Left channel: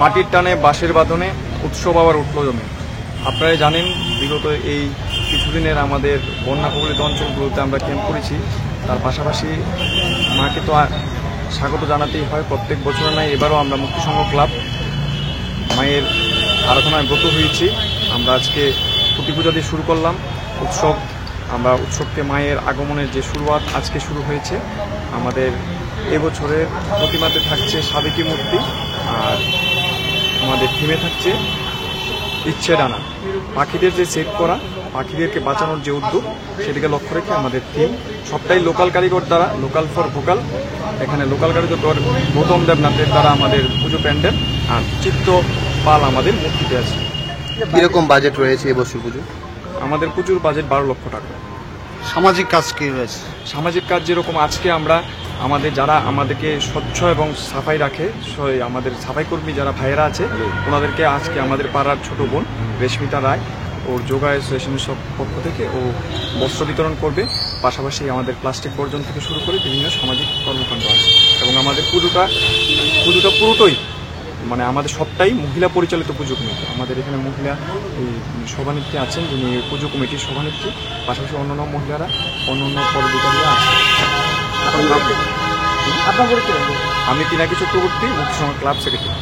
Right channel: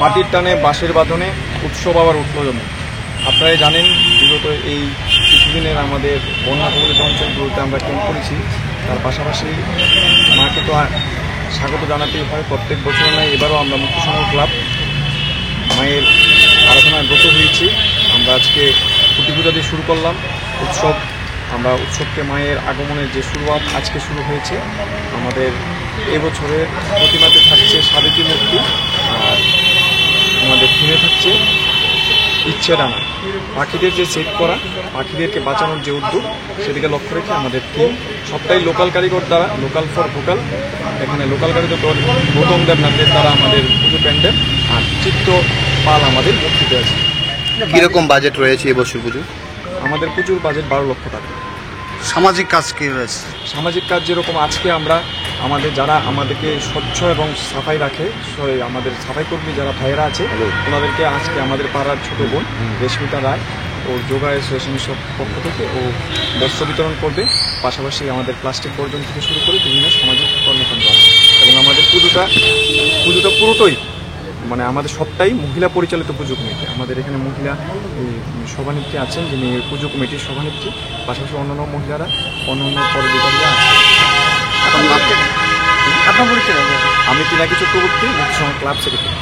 মাটির টানে বাঁশের বাঁধনে উৎসব আবার উঠল জমে। আপনারা জানেন বিগত এই কিছুদিনের আমাদের বন্যা কবলিত অঞ্চলগুলোতে আমরা ক্যাম্প করেছি। তার পাশাপাশি মাকে তো স্বাগত জানাতেই হয়, প্রত্যেক বছর নয়, এবারও আমরা মুক্তি সংঘ ক্লাব মায়ের আরাধনায় ব্রত হয়েছি। আমরা আজকে খুঁটি পূজা দিয়ে শুরু করলাম উৎসব। আমরা উৎসবকে মায়ের আগমনের যে শুরুয়াত আজকে শুরু হয়েছে। আমাদের এবছরের প্রতিমাতে থাকছে সাবেকি মূর্তি, আর আমাদের থিমে থাকছে ইচ্ছে ডানা। পাখিদের যে সেট করা, পাখিদেরকে বাঁচানোর যে উদ্যোগ, সেদিকে লক্ষ্য রেখে আমাদের থিম সবটাই লোকাল কারিগর দ্বারা, লোকাল ফর ভোকাল। এখানে লোকাল কারিগর গৌতম দেবনাথের দ্বারা আমাদের পুজো প্যান্ডেল, আর চিত্ত পাল আমাদের মূর্তিতে আছে। কিরকম বাজেট রয়েছে এবছর পুজো? আমাদের প্রচুর বাজেট 12 লক্ষ টাকা। সামাজিক কাজ কি রয়েছে? সামাজিক কাজ যেরকম আজকে আমরা আমাদের যারা আমাদেরকে স্বচ্ছ এবং সাফাই রাখে, আমাদের সাফাই কর্মী যারা ভাইয়েরা আছে, ওনাদেরকে আজকে আমাদের পাড়ার ছোট বোন রেশমিতা রায় ওর যোগা অ্যাসোসিয়েশনের পক্ষ থেকে ও বস্ত্র বিতরণ করবে। পাশাপাশি আমাদের প্লাস্টিক বর্জন থেকে শুরু করে বিভিন্ন সামাজিক কর্মকাণ্ড আছে। এবং আমাদের পুজোটা পুরোটাই মানে আমাদের সবটাই মহিলা পরিচালিত পুজো কমিটি। আমাদের এখানে মহিলা এই সভানেত্রী আছেন, যিনি পুজো কমিটির সভানেত্রী। পাশাপাশি অন্যান্য মহিলারা, অন্যান্য পদাধিকারীরা আছে। আমি পিনাকি চক্রবর্তী, মুক্তি সংঘ ক্লাব সেক্রেটারি।